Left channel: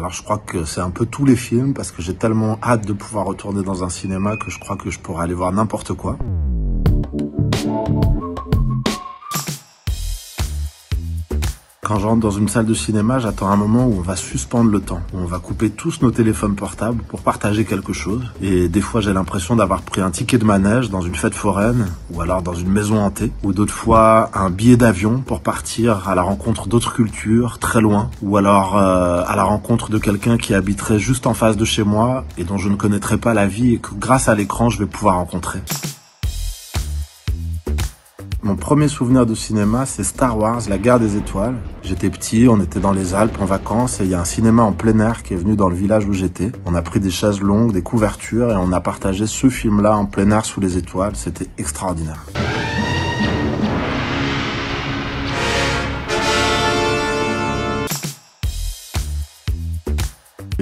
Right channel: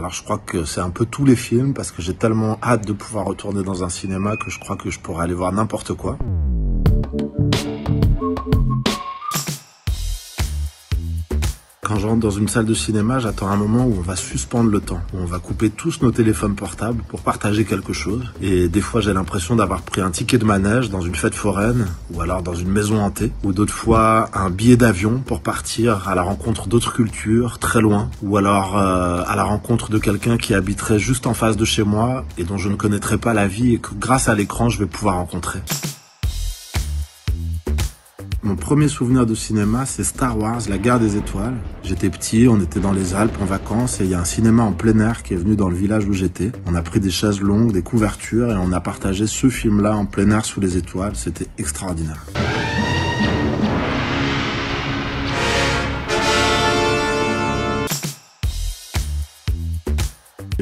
Alors je crois que c'est un peu tous les films parce que j'ai tellement hâte de pouvoir retourner dans un cinéma que je crois que je pourrais aller voir n'importe quoi. Quand je rentre dans une salle de cinéma, j'attends un moment où on va suspendre le temps, où on va couper tous nos téléphones portables pour partager quelque chose. Et des fois, j'ai l'impression d'avoir pris un ticket de manège dans une fête foraine, ou alors dans une maison hantée, ou d'autres fois un billet d'avion pour partir à la rencontre d'autres cultures, très loin, ou alors à la rencontre de quelqu'un qui habiterait juste en face de chez moi et dont je ne connaîtrais pas la vie et que grâce à l'écran, je vais pouvoir rencontrer. Mon premier souvenir de cinéma, c'est Star Wars, la guerre des étoiles. J'étais petit, on était dans les Alpes en vacances et il y a un cinéma en plein air qui est venu dans le village où j'étais. On a pris des chaises longues, des couvertures et on a partagé ce film-là en plein air sous les étoiles. C'était extraordinaire.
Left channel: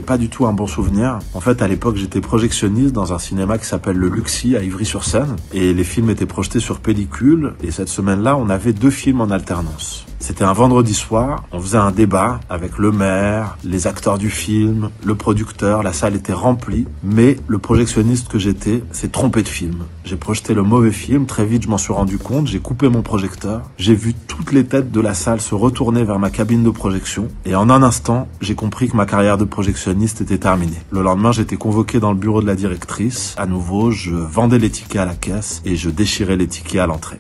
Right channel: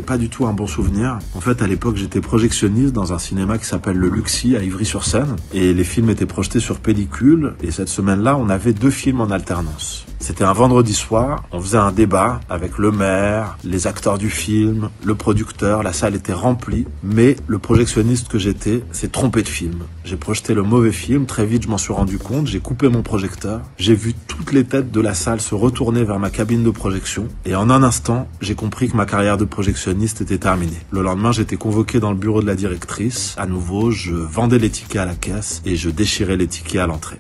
Pas du tout un bon souvenir. En fait, à l'époque, j'étais projectionniste dans un cinéma qui s'appelle le Luxi à Ivry-sur-Seine et les films étaient projetés sur pellicule et cette semaine-là, on avait 2 films en alternance. C'était un vendredi soir, on faisait un débat avec le maire, les acteurs du film, le producteur, la salle était remplie, mais le projectionniste que j'étais s'est trompé de film. J'ai projeté le mauvais film, très vite je m'en suis rendu compte, j'ai coupé mon projecteur, j'ai vu toutes les têtes de la salle se retourner vers ma cabine de projection et en un instant, j'ai compris que ma carrière de projectionniste était terminée. Le lendemain, j'étais convoqué dans le bureau de la directrice. À nouveau, je vendais les tickets à la caisse et je déchirais les tickets à l'entrée.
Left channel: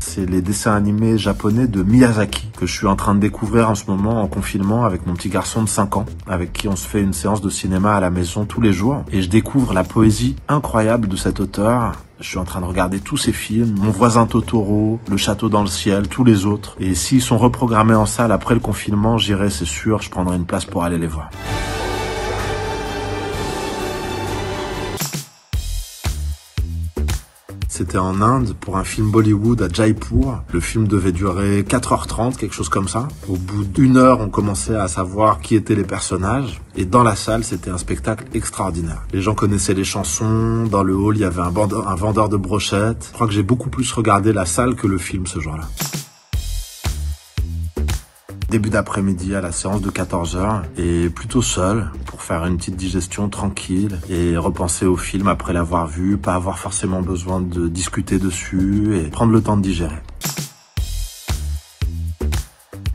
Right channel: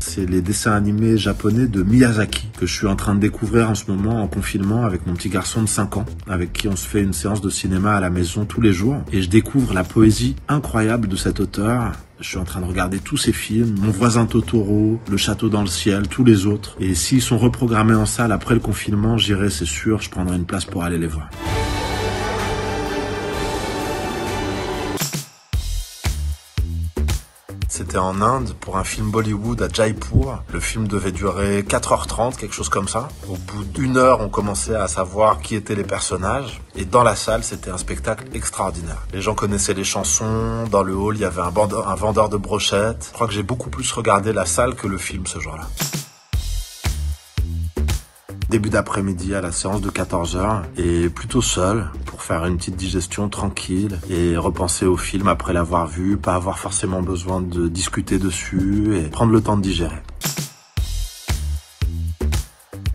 C'est les dessins animés japonais de Miyazaki que je suis en train de découvrir en ce moment en confinement avec mon petit garçon de 5 ans, avec qui on se fait une séance de cinéma à la maison tous les jours. Et je découvre la poésie incroyable de cet auteur. Je suis en train de regarder tous ces films, Mon voisin Totoro, Le château dans le ciel, tous les autres. Et s'ils sont reprogrammés en salle après le confinement, j'irai, c'est sûr, je prendrai une place pour aller les voir. C'était en Inde pour un film Bollywood à Jaipur. Le film devait durer 4h30, quelque chose comme ça. Au bout d'1 heure, on commençait à savoir qui étaient les personnages. Et dans la salle, c'était un spectacle extraordinaire. Les gens connaissaient les chansons. Dans le hall, il y avait un vendeur de brochettes. Je crois que j'ai beaucoup plus regardé la salle que le film ce jour-là. Début d'après-midi à la séance de 14h et plutôt seul pour faire une petite digestion tranquille et repenser au film après l'avoir vu, pas avoir forcément besoin de discuter dessus et prendre le temps de digérer.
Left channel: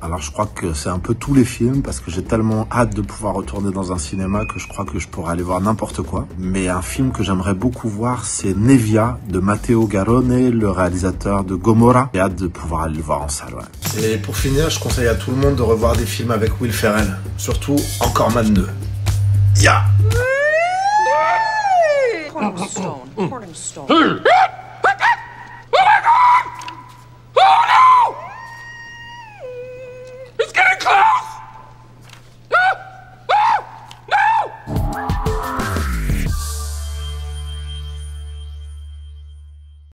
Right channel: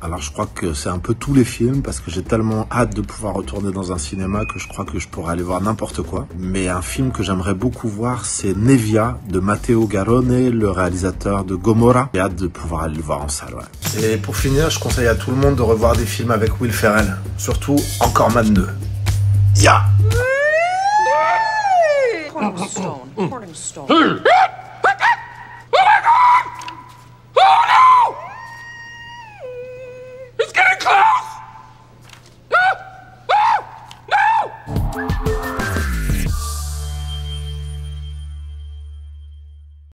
Alors je crois que c'est un peu tous les films parce que j'ai tellement hâte de pouvoir retourner dans un cinéma que je crois que je pourrais aller voir n'importe quoi. Mais un film que j'aimerais beaucoup voir, c'est Nevia de Matteo Garrone, le réalisateur de Gomorrah. J'ai hâte de pouvoir aller le voir en salle. Ouais. Et pour finir, je conseille à tout le monde de revoir des films avec Will Ferrell. Surtout Encore Man 2. Ya! Cornerstone.